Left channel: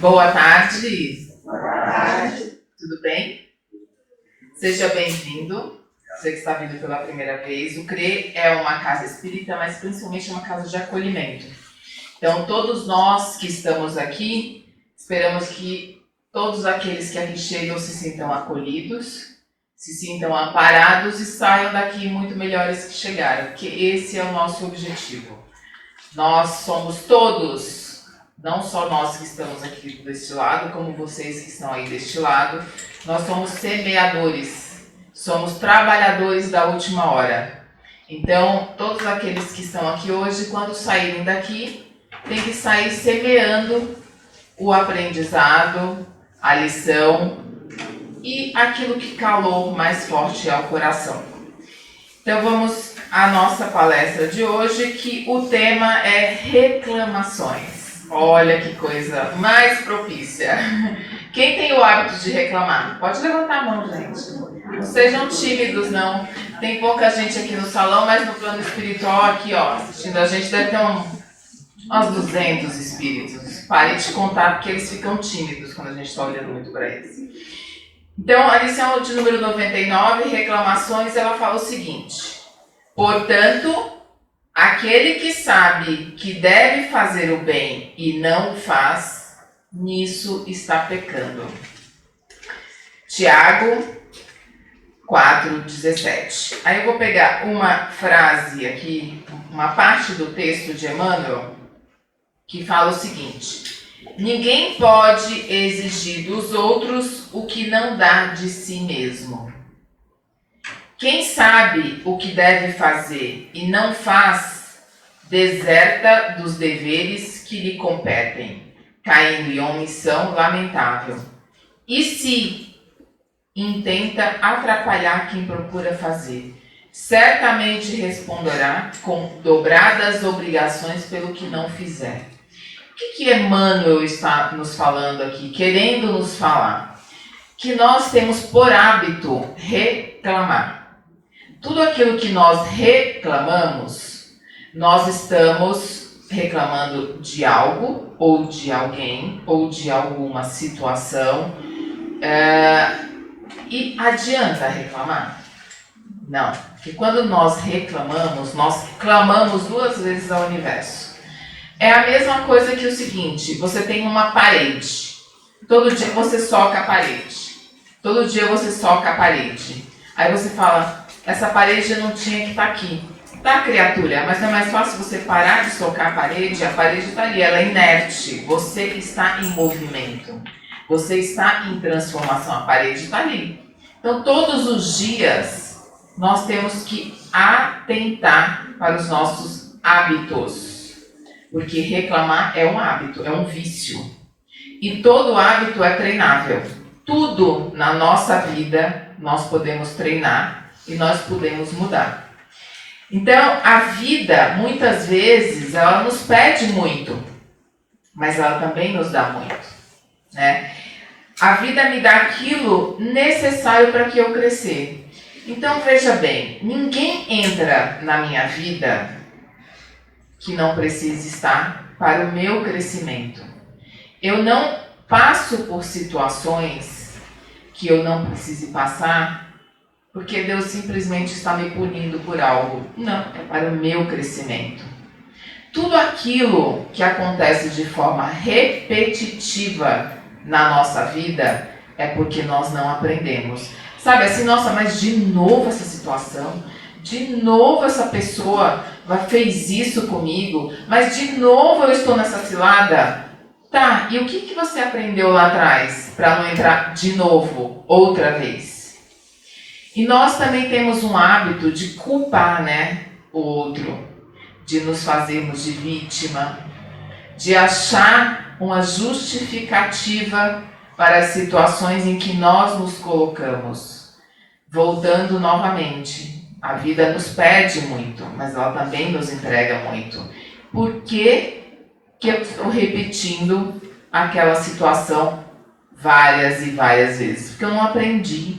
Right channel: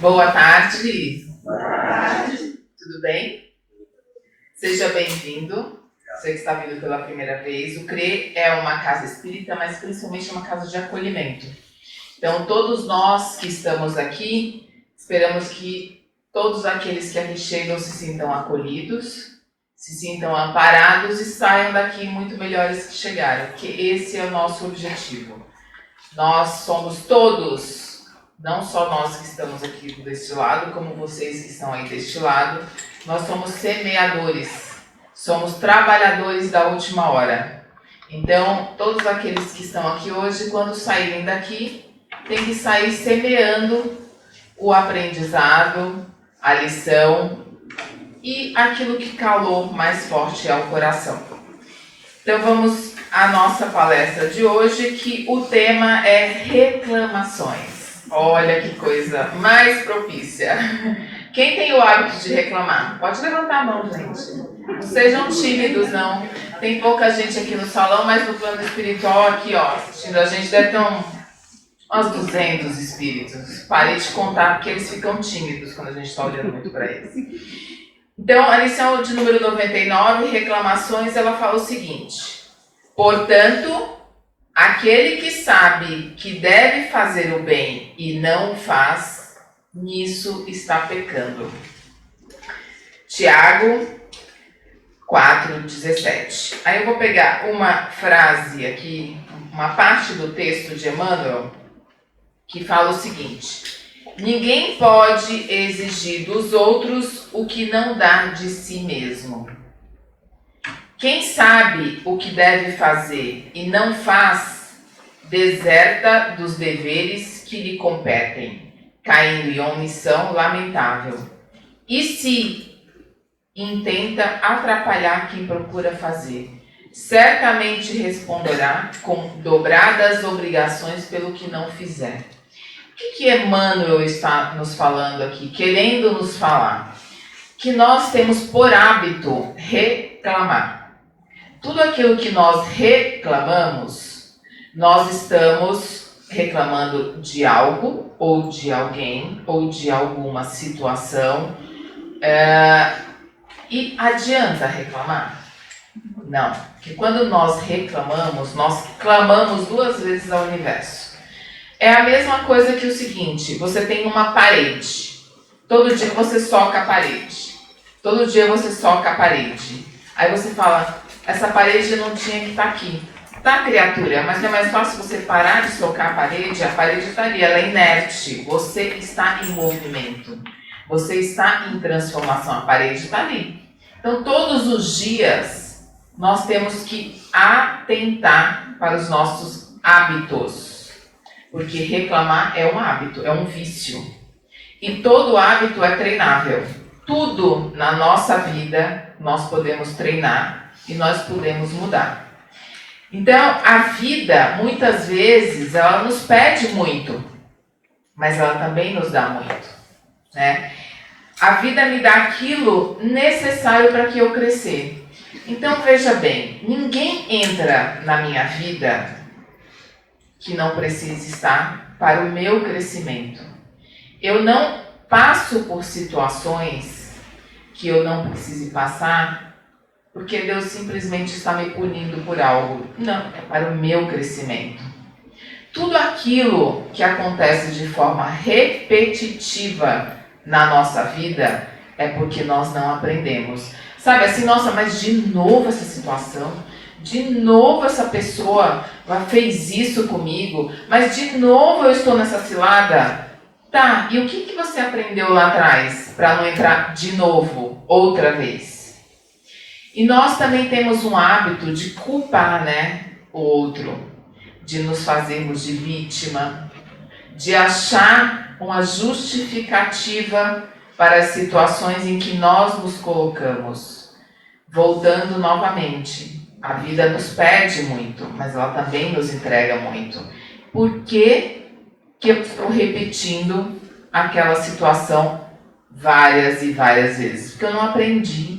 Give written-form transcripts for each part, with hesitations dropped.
Boa tarde. Boa tarde. Tudo bem? Seja bem-vindo. Você que está vindo pela primeira vez. O CRE é uma casa espírita, mas principalmente uma casa de acolhimento. Então, todos nós que estamos aqui, esperamos que todos aqueles que aqui chegam se sintam acolhidos, se sintam amparados e saiam daqui muito melhores que chegaram, porque esse é o nosso objetivo. Nós somos todos, não só nós que estamos aqui deste lado, como vocês que estão aí deste lado, nós somos semeadores, somos trabalhadores da última hora. Então, todos aqueles que estão aqui hoje, quando saírem daqui, tem que sair semeando o aprendizado, a lição e aquilo que calou mais forte ao coração. Então vamos à nossa palestra de hoje, que o tema é reclamações. Olha que coisa mais propícia. Quem tem o hábito de reclamar? Pode levantar a mão, gente. Não sejam tímidos, não. Tem pouca gente aqui no salão, mas no plano espiritual aqui, ó, assistindo a gente, deve ter uns 200 espíritos. Parei de contar porque eles ficam tímidos quando a gente está olhando muito para eles. Então, a lição de número 99, reclamações, ela fala o seguinte: portanto, aquele que sabe que deve fazer o bem e não o faz, nisso está pecando. Tiago 4,17. Aí eu vou pegar uma frase aqui, uma parte do texto de Emmanuel, que fala o seguinte: ninguém pode exigir dos outros o que não dá de si mesmo. Quem sabe o que deve fazer e não faz, deserta dos deveres que lhe competem, caindo em omissão lamentável. E se intenta atrapalhar quem procura fazer, certamente responderá com dobradas obrigações pelo que não fizer. O que Emmanuel está nos falando aqui, querendo nos falar? Que nós temos por hábito reclamar. Tudo aquilo que nós reclamamos, nós estamos reclamando de algo, ou de alguém, ou de alguma situação. E adianta reclamar? Não, porque quando nós reclamamos, nós clamamos 2 vezes ao universo. É a mesma coisa que o seguinte: você tem uma parede, todo dia você soca a parede, todo dia você soca a parede, aí você fala, essa parede não tinha que estar aqui. Tá, criatura, mas não é mais fácil você parar de socar a parede está ali, ela é inerte, você está em movimento, você está em transformação, a parede está ali. Então todos os dias nós temos que atentar para os nossos hábitos. Porque reclamar é um hábito, é um vício. E todo hábito é treinável. Tudo na nossa vida nós podemos treinar e nós podemos mudar. Então, a vida, muitas vezes, ela nos pede muito, mas ela também nos dá muito, né? A vida me dá aquilo necessário para que eu crescer. Então, veja bem, ninguém entra na minha vida que não precisa estar para o meu crescimento. Eu não passo por situações que eu não precise passar porque Deus simplesmente está me punindo por algo. Não, é para o meu crescimento. Tudo aquilo que acontece de forma repetitiva na nossa vida é porque nós não aprendemos. Sabe assim, nossa, mas de novo essa situação? De novo essa pessoa fez isso comigo, mas de novo eu estou nessa cilada. Tá, e o que você aprendeu lá atrás para não entrar de novo, outra vez? E nós também temos um hábito de culpar, né, o outro, de nos fazermos de vítima, de achar uma justificativa para as situações em que nós nos colocamos. Voltando novamente, a vida nos pede muito, mas ela também nos entrega muito. Por que eu estou repetindo aquela situação várias e várias vezes? Porque eu não aprendi.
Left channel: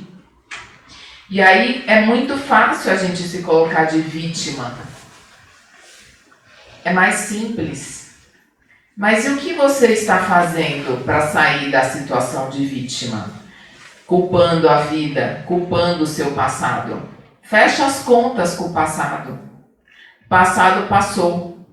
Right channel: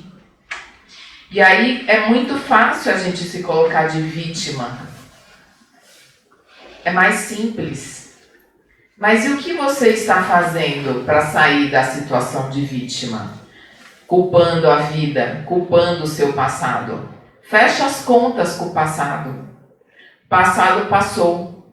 E aí é muito fácil a gente se colocar de vítima. É mais simples. Mas e o que você está fazendo para sair da situação de vítima? Culpando a vida, culpando o seu passado. Fecha as contas com o passado. O passado passou.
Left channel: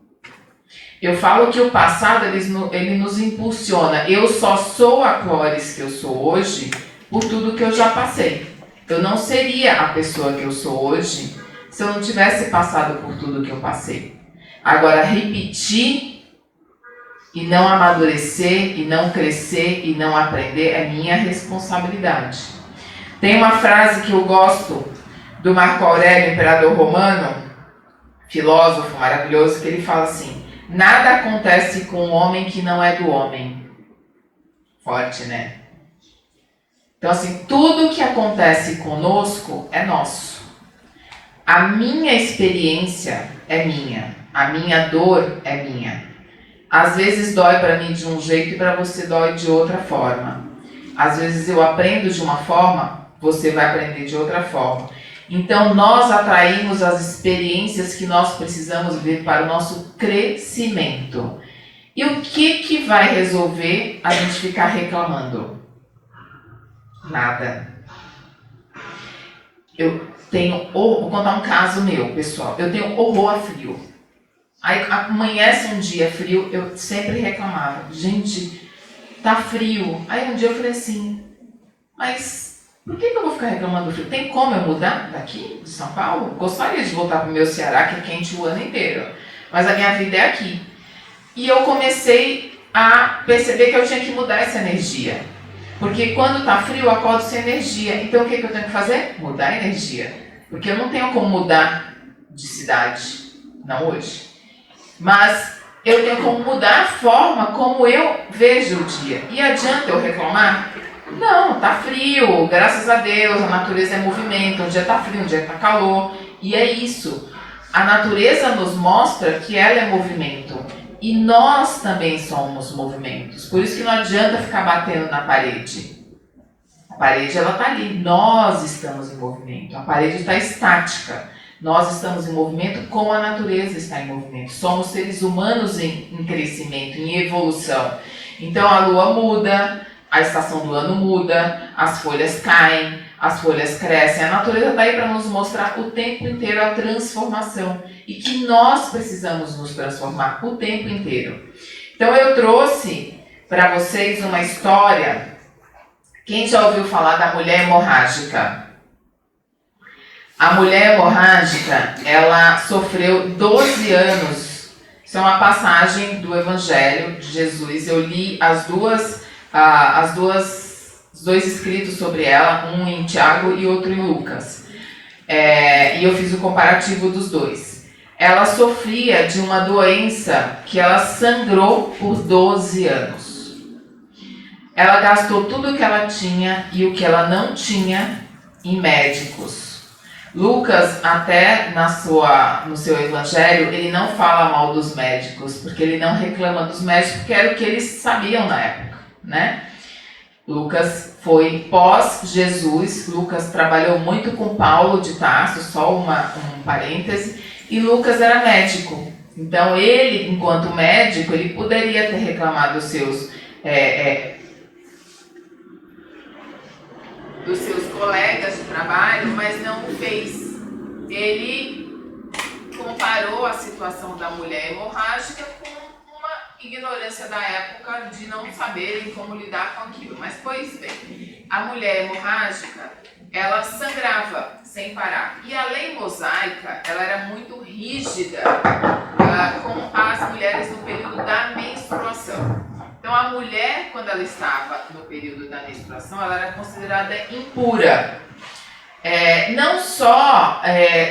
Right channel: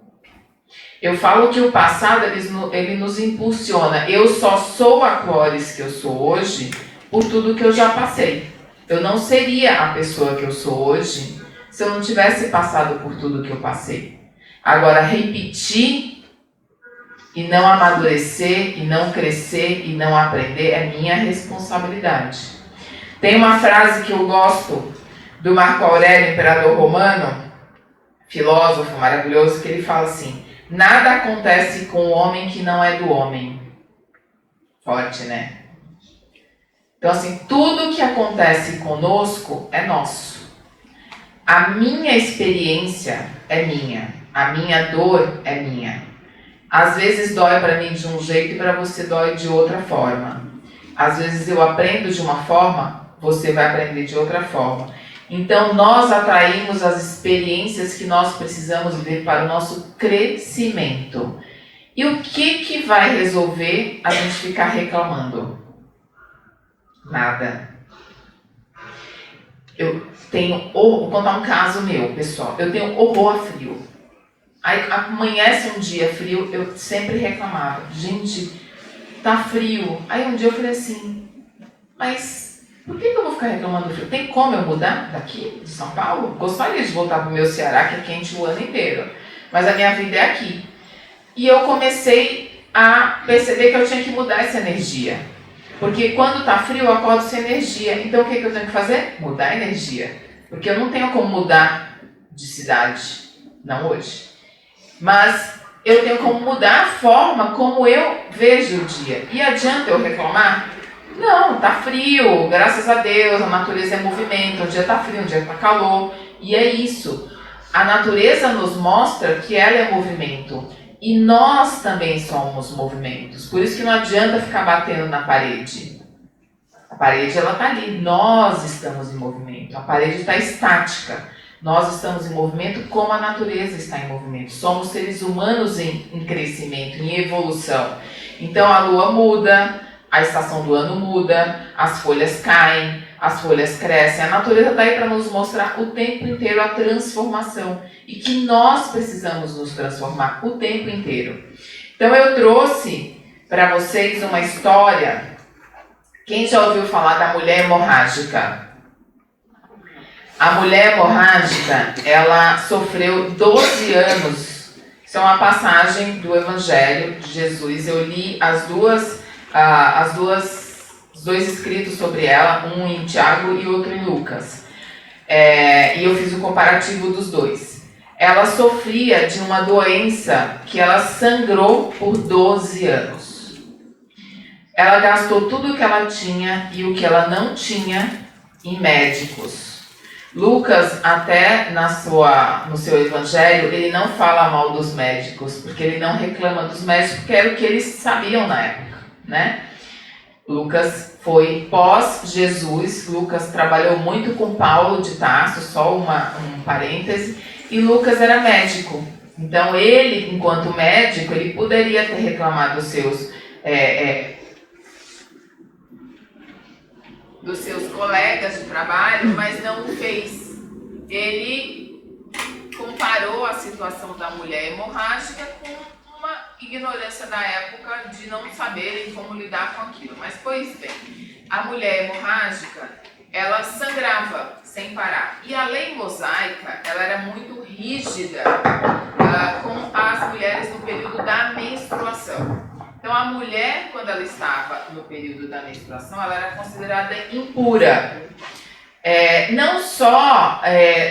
Eu falo que o passado ele nos impulsiona. Eu só sou a Clóris que eu sou hoje por tudo que eu já passei. Eu não seria a pessoa que eu sou hoje se eu não tivesse passado por tudo que eu passei. Agora, repetir e não amadurecer, e não crescer, e não aprender é minha responsabilidade. Tem uma frase que eu gosto do Marco Aurélio, imperador romano, filósofo maravilhoso, que ele fala assim: nada acontece com o homem que não é do homem. Forte, né? Então, assim, tudo que acontece conosco é nosso. A minha experiência é minha. A minha dor é minha. Às vezes dói para mim de um jeito e para você dói de outra forma. Às vezes eu aprendo de uma forma, você vai aprender de outra forma. Então, nós atraímos as experiências que nós precisamos ver para o nosso crescimento. E o que vai resolver a gente ficar reclamando? Nada. Eu tenho horror, vou contar um caso meu, pessoal. Eu tenho horror a frio. Aí amanhece um dia frio, eu sempre reclamava. Gente, tá frio. Aí um dia eu falei assim, mas por que eu vou ficar reclamando do frio? Tem como eu mudar daqui, de São Paulo? Gostaria de voltar pro meu Ceará, que é quente o ano inteiro. Mas a minha vida é aqui. E eu comecei a perceber que eu tinha que mudar essa energia. Porque quando tá frio, eu acordo sem energia. Então o que eu tenho que fazer? Mudar a energia. Porque eu não tenho como mudar de cidade. Não hoje. Mas eu tenho como mudar a forma como eu vejo o dia. E adianta eu reclamar? Não, tá frio, graças a Deus, a natureza é movimento, um dia tá frio, um dia tá calor. E é isso. A natureza nos mostra que ela é movimento. E nós também somos movimentos. Por isso que não adianta ficar batendo na parede. A parede, ela tá ali. Nós estamos em movimento. A parede está estática. Nós estamos em movimento como a natureza está em movimento. Somos seres humanos em crescimento, em evolução. Então a lua muda, a estação do ano muda, as folhas caem, as folhas crescem. A natureza está aí para nos mostrar o tempo inteiro a transformação. E que nós precisamos nos transformar o tempo inteiro. Então eu trouxe para vocês uma história. Quem já ouviu falar da mulher hemorrágica? A mulher hemorrágica, ela sofreu 12 anos. Isso é uma passagem do Evangelho de Jesus. Eu li os dois escritos sobre ela, um em Tiago e outro em Lucas. E eu fiz o comparativo dos dois. Ela sofria de uma doença que ela sangrou por 12 anos. Ela gastou tudo o que ela tinha e o que ela não tinha em médicos. Lucas, até no seu evangelho, ele não fala mal dos médicos, porque ele não reclama dos médicos, porque era o que eles sabiam na época, né? Lucas foi pós-Jesus, Lucas trabalhou muito com Paulo de Tarso, só um parêntese, e Lucas era médico. Então ele, enquanto médico, ele poderia ter reclamado dos seus colegas de trabalho, mas não o fez. Ele comparou a situação da mulher hemorrágica com uma ignorância da época de não saberem como lidar com aquilo. Mas, pois bem, a mulher hemorrágica, ela sangrava sem parar. E a lei mosaica, ela era muito rígida com as mulheres no período da menstruação. Então, a mulher, quando ela estava no período da menstruação, ela era considerada impura. Não só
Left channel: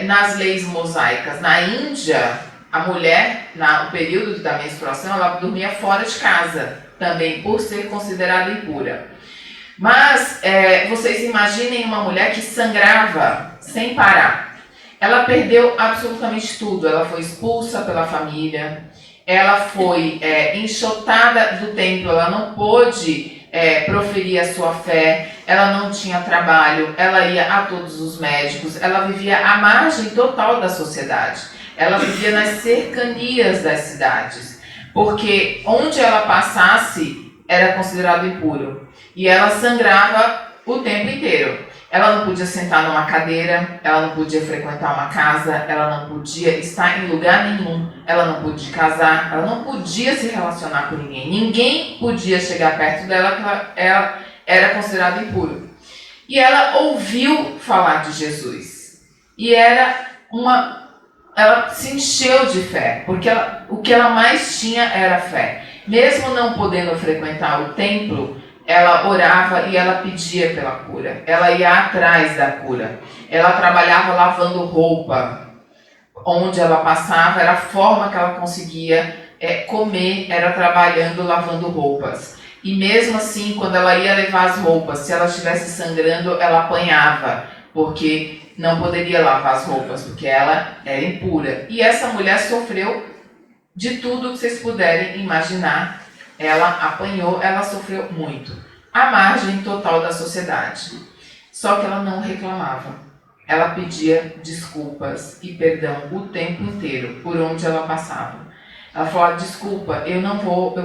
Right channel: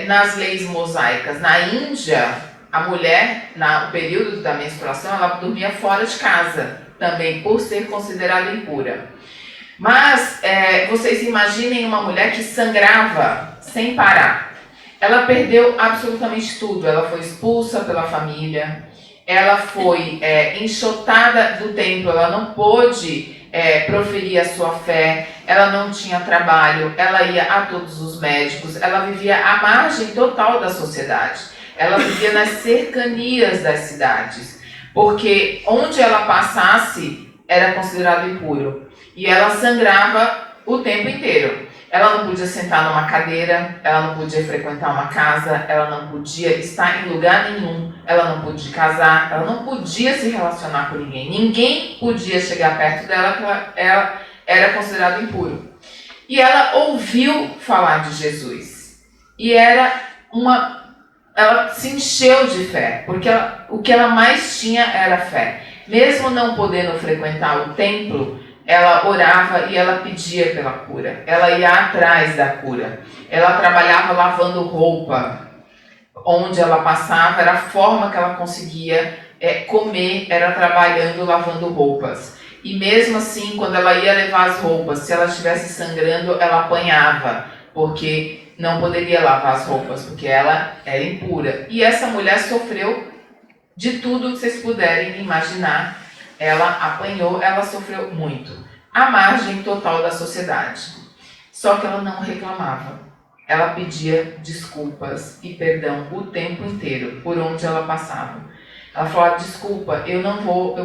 nas leis mosaicas. Na Índia, a mulher, no período da menstruação, ela dormia fora de casa, também por ser considerada impura. Mas, vocês imaginem uma mulher que sangrava sem parar. Ela perdeu absolutamente tudo. Ela foi expulsa pela família. Ela foi enxotada do templo, ela não pôde proferir a sua fé, ela não tinha trabalho, ela ia a todos os médicos, ela vivia à margem total da sociedade, ela vivia nas cercanias das cidades. porque onde ela passasse era considerado impuro. E ela sangrava o tempo inteiro. Ela não podia sentar numa cadeira, ela não podia frequentar uma casa, ela não podia estar em lugar nenhum, ela não podia casar, ela não podia se relacionar com ninguém. Ninguém podia chegar perto dela, porque ela era considerada impuro. E ela ouviu falar de Jesus. E ela se encheu de fé, porque o que ela mais tinha era fé. Mesmo não podendo frequentar o templo, ela orava e ela pedia pela cura. Ela ia atrás da cura. Ela trabalhava lavando roupa. Onde ela passava, era a forma que ela conseguia comer, era trabalhando, lavando roupas. E mesmo assim, quando ela ia levar as roupas, se ela estivesse sangrando, ela apanhava, porque não poderia lavar as roupas, porque ela era impura. E essa mulher sofreu de tudo que vocês puderem imaginar. Ela apanhou, ela sofreu muito. À margem total da sociedade. Só que ela não reclamava. Ela pedia desculpas e perdão o tempo inteiro, por onde ela passava. Ela falou, desculpa, eu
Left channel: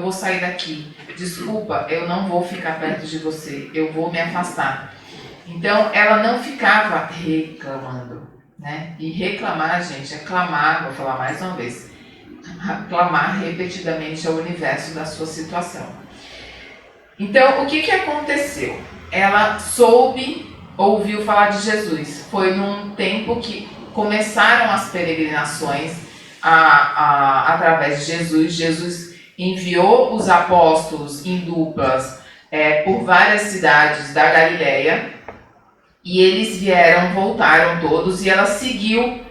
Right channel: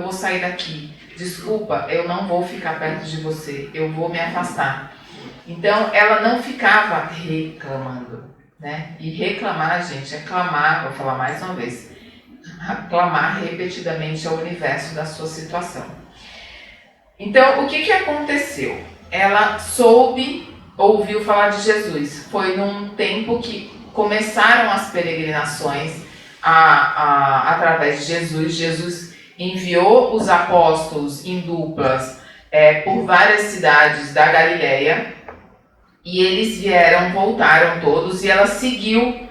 vou sair daqui. Desculpa, eu não vou ficar perto de você, eu vou me afastar. Então, ela não ficava reclamando, né? E reclamar, gente, é clamar, vou falar mais uma vez, clamar repetidamente ao universo da sua situação. Então, o que aconteceu? Ela ouviu falar de Jesus. Foi num tempo que começaram as peregrinações através de Jesus. Jesus enviou os apóstolos em duplas por várias cidades da Galileia. E eles voltaram todos, e ela seguiu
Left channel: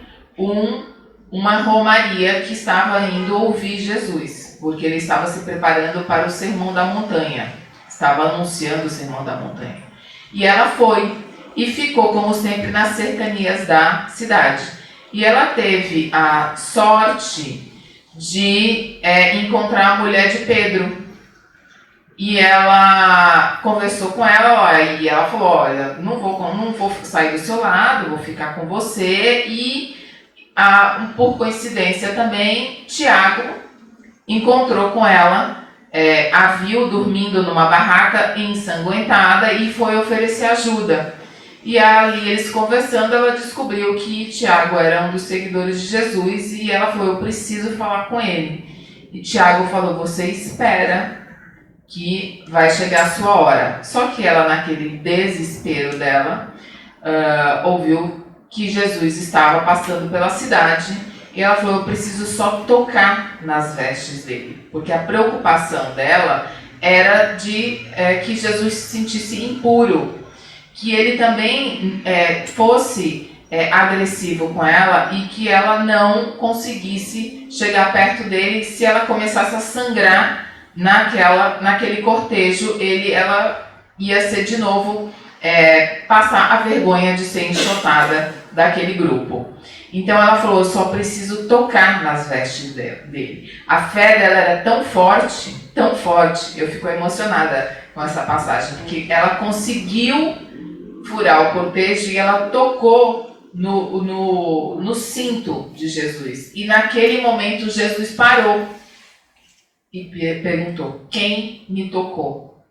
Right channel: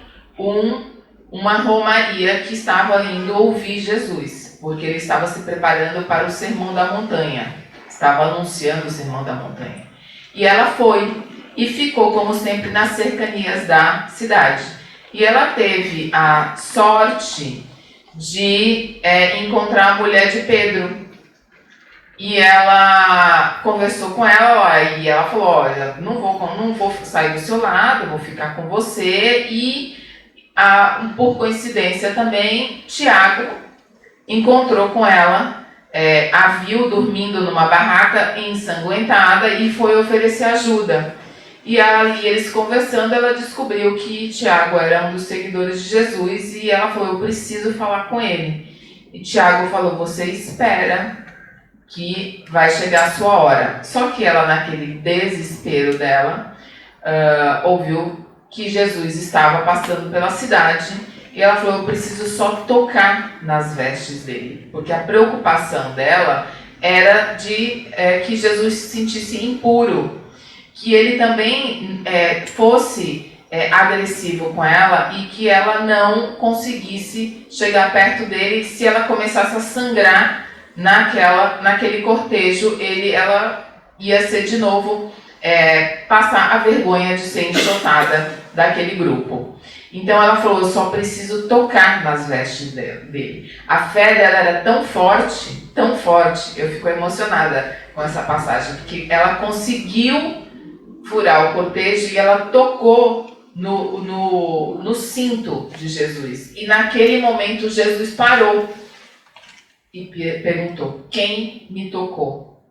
uma romaria que estava indo ouvir Jesus, porque ele estava se preparando para o Sermão da Montanha, estava anunciando o Sermão da Montanha. E ela foi e ficou, como sempre, nas cercanias da cidade. E ela teve a sorte de encontrar a mulher de Pedro. E ela conversou com ela, e ela falou, olha, não vou sair do seu lado, vou ficar com você. E, por coincidência também, Tiago encontrou com ela, a viu dormindo numa barraca ensanguentada e foi oferecer ajuda. E ali eles conversando, ela descobriu que Tiago era um dos seguidores de Jesus, e ela falou, eu preciso falar com ele. E Tiago falou, você espera que vai chegar a sua hora. Só que ela, naquele desespero dela, ouviu que Jesus estava passando pela cidade, e ela falou, eu preciso só tocar nas vestes dele, porque a preocupação dela era de que Jesus se sentisse impuro, que ele também fosse agressivo com ela, e que ela não conseguisse chegar perto dele. Se ela começasse a sangrar naquele cortejo, ela ia ser de novo passar a vergonha de ser enxotada daquele grupo. Então ela falou, eu só preciso tocar nas vestes dele. A fé dela era tão forte, eu fico emocionada com essa passagem, porque ela conseguiu furar o cortejo e ela tocou no cinto de Jesus. E naquele momento Jesus parou e perguntou, quem me tocou?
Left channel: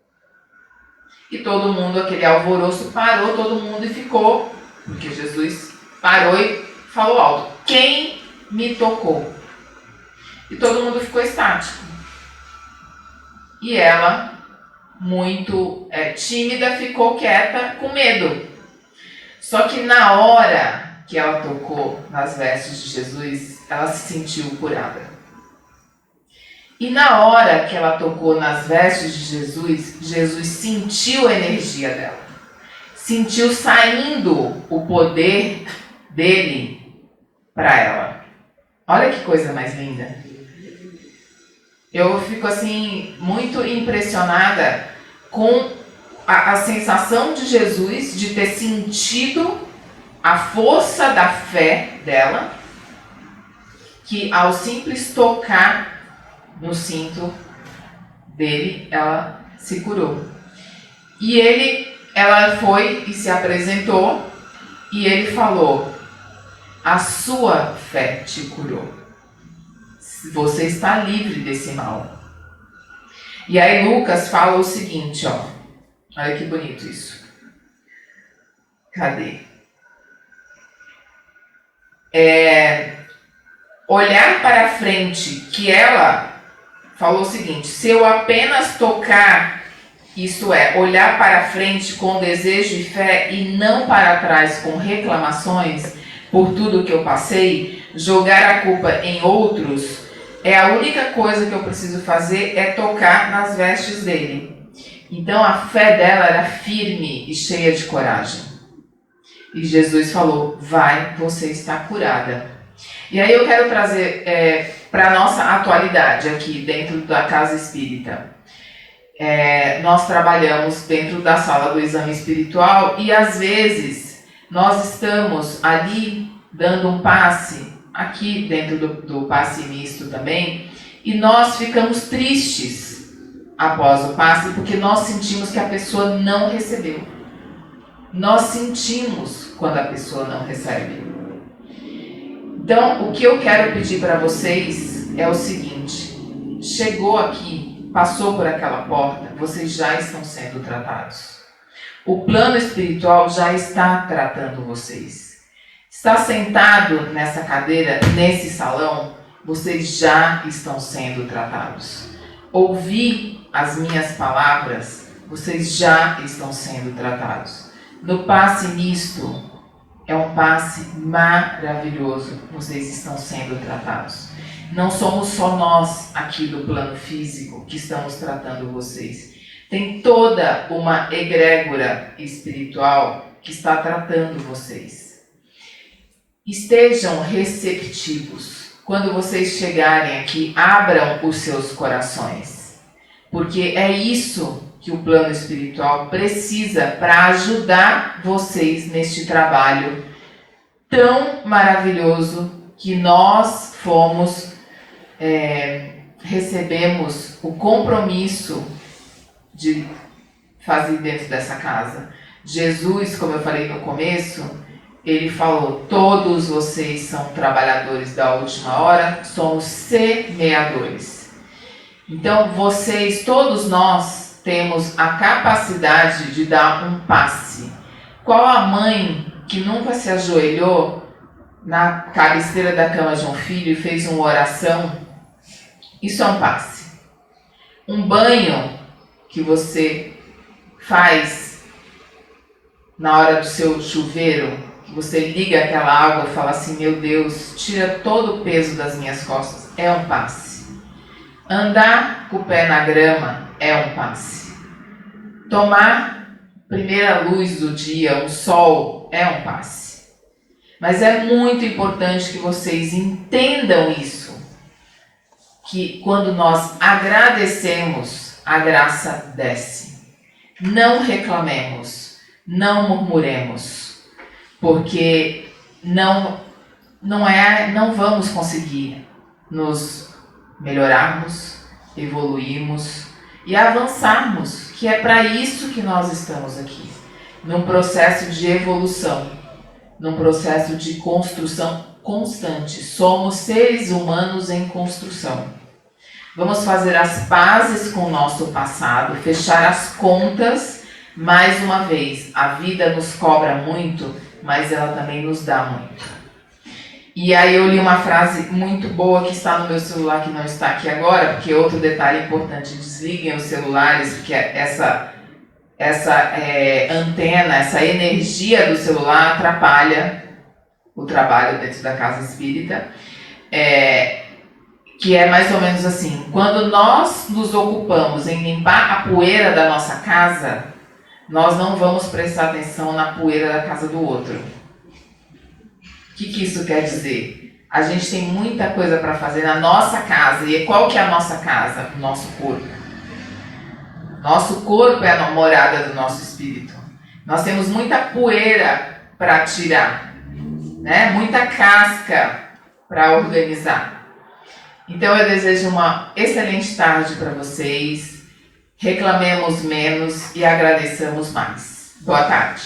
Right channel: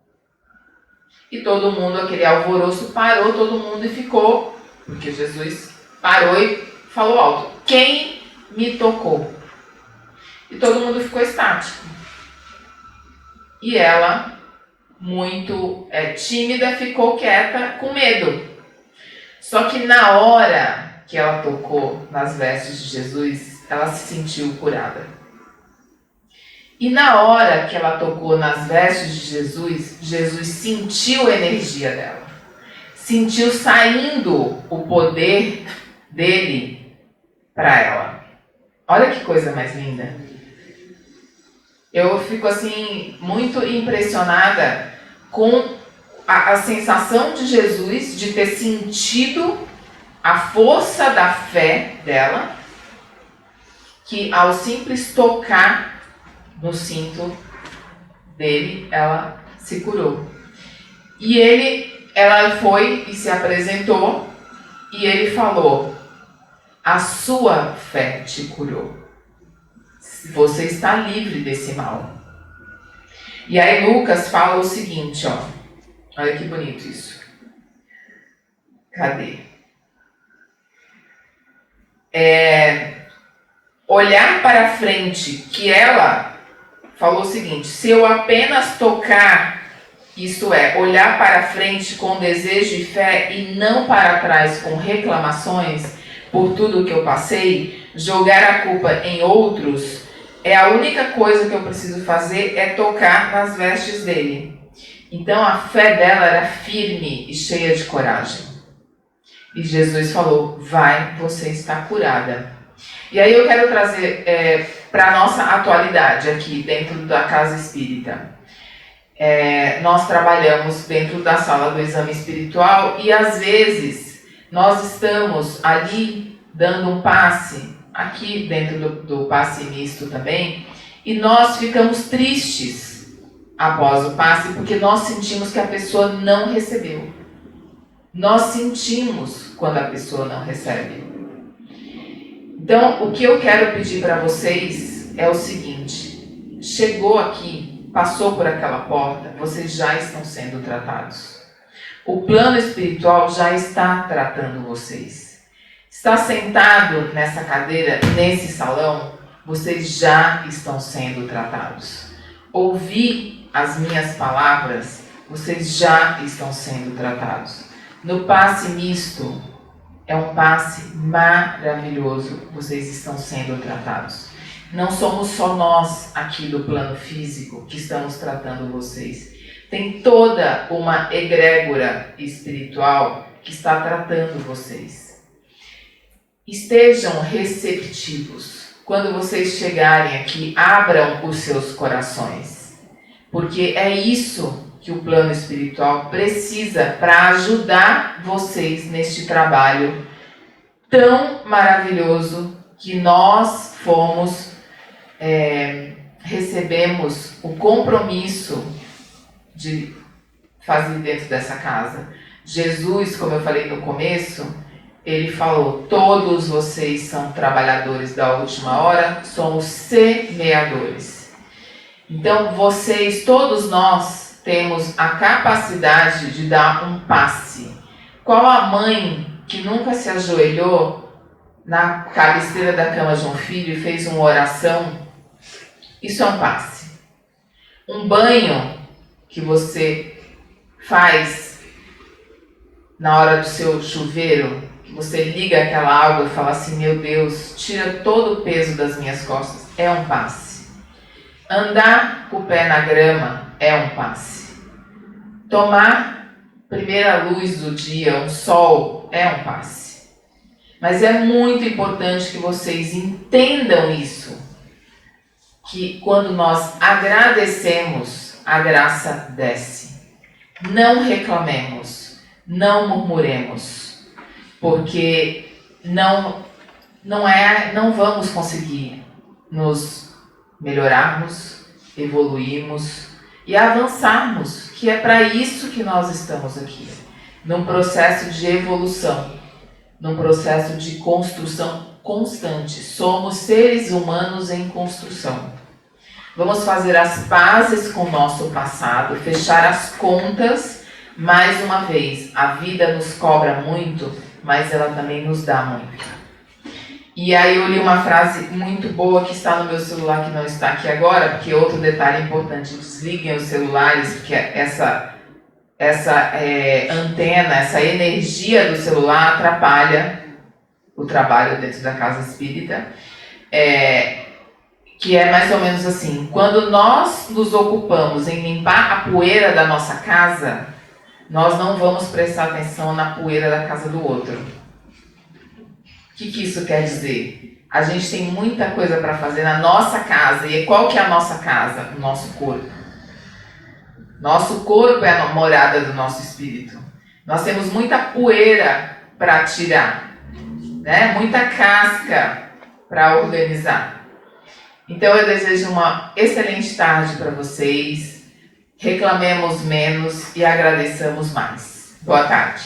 E todo mundo, aquele alvoroço, parou, todo mundo, e ficou, porque Jesus parou e falou alto, quem me tocou? E todo mundo ficou estático. E ela, muito tímida, ficou quieta, com medo. Só que na hora que ela tocou nas vestes de Jesus, ela se sentiu curada. E na hora que ela tocou nas vestes de Jesus, Jesus sentiu a energia dela. Sentiu saindo o poder dele para ela. Olha que coisa mais linda. Eu fico assim muito impressionada com a sensação de Jesus de ter sentido a força da fé dela, que ao simples tocar no cinto dele, ela se curou. E ela foi e se apresentou, e ele falou, a sua fé te curou. Você está livre desse mal. E aí Lucas fala o seguinte, ó. Olha que bonito isso. Cadê? Olhar para frente, que ela falou o seguinte: se eu apenas tocar, isto é, olhar para frente com desejo e fé e não para trás com reclamações por tudo que eu passei, jogar a culpa em outros, a única coisa que eu preciso fazer é tocar nas vestes dele. Então a fé dela era firme e cheia de coragem. E Jesus falou: vai, você está curada. E aí eu quero trazer para a nossa atualidade aqui dentro da Casa Espírita. Nós trabalhamos dentro da sala do exame espiritual e às vezes nós estamos ali dando um passe, aqui dentro do passe misto também, e nós ficamos tristes após o passe porque nós sentimos que a pessoa não recebeu. Nós sentimos quando a pessoa não recebe. Então, o que eu quero pedir para vocês é o seguinte: chegou aqui, passou por aquela porta, vocês já estão sendo tratados. O plano espiritual já está tratando vocês. Está sentado nessa cadeira, nesse salão, vocês já estão sendo tratados. Ouvir as minhas palavras, vocês já estão sendo tratados. No passe misto, é um passe maravilhoso, vocês estão sendo tratados. Não somos só nós aqui do plano físico que estamos tratando vocês. Tem toda uma egrégora espiritual que está tratando vocês. Estejam receptivos. Quando vocês chegarem aqui, abram os seus corações. Porque é isso que o plano espiritual precisa para ajudar vocês neste trabalho tão maravilhoso que nós recebemos o compromisso de fazer dentro dessa casa. Jesus, como eu falei no começo, ele falou: todos vocês são trabalhadores da última hora, somos semeadores. Então vocês, todos nós, temos a capacidade de dar um passe. Qual a mãe que nunca se ajoelhou na cabeceira da cama de um filho e fez uma oração? Isso é um passe. Um banho que você faz na hora do seu chuveiro, que você liga aquela água e fala assim: meu Deus, tira todo o peso das minhas costas, é um passe. Andar com o pé na grama é um passe. Tomar primeira luz do dia, um sol, é um passe. Mas é muito importante que vocês entendam isso, que quando nós agradecemos, a graça desce. Não reclamemos, não murmuremos, porque não vamos conseguir nos melhorarmos, evoluirmos e avançarmos, que é para isso que nós estamos aqui, num processo de evolução, num processo de construção constante. Somos seres humanos em construção. Vamos fazer as pazes com o nosso passado, fechar as contas. Mais uma vez, a vida nos cobra muito, mas ela também nos dá muito. E aí eu li uma frase muito boa que está no meu celular, que não está aqui agora, porque outro detalhe importante: desliguem os celulares, porque essa antena, essa energia do celular atrapalha o trabalho dentro da casa espírita. Que é mais ou menos assim: quando nós nos ocupamos em limpar a poeira da nossa casa, nós não vamos prestar atenção na poeira da casa do outro. O que isso quer dizer? A gente tem muita coisa para fazer na nossa casa. E qual que é a nossa casa? O nosso corpo. Nosso corpo é a morada do nosso espírito. Nós temos muita poeira para tirar, né? Muita casca para organizar. Então eu desejo uma excelente tarde para vocês. Reclamemos menos e agradeçamos mais. Boa tarde.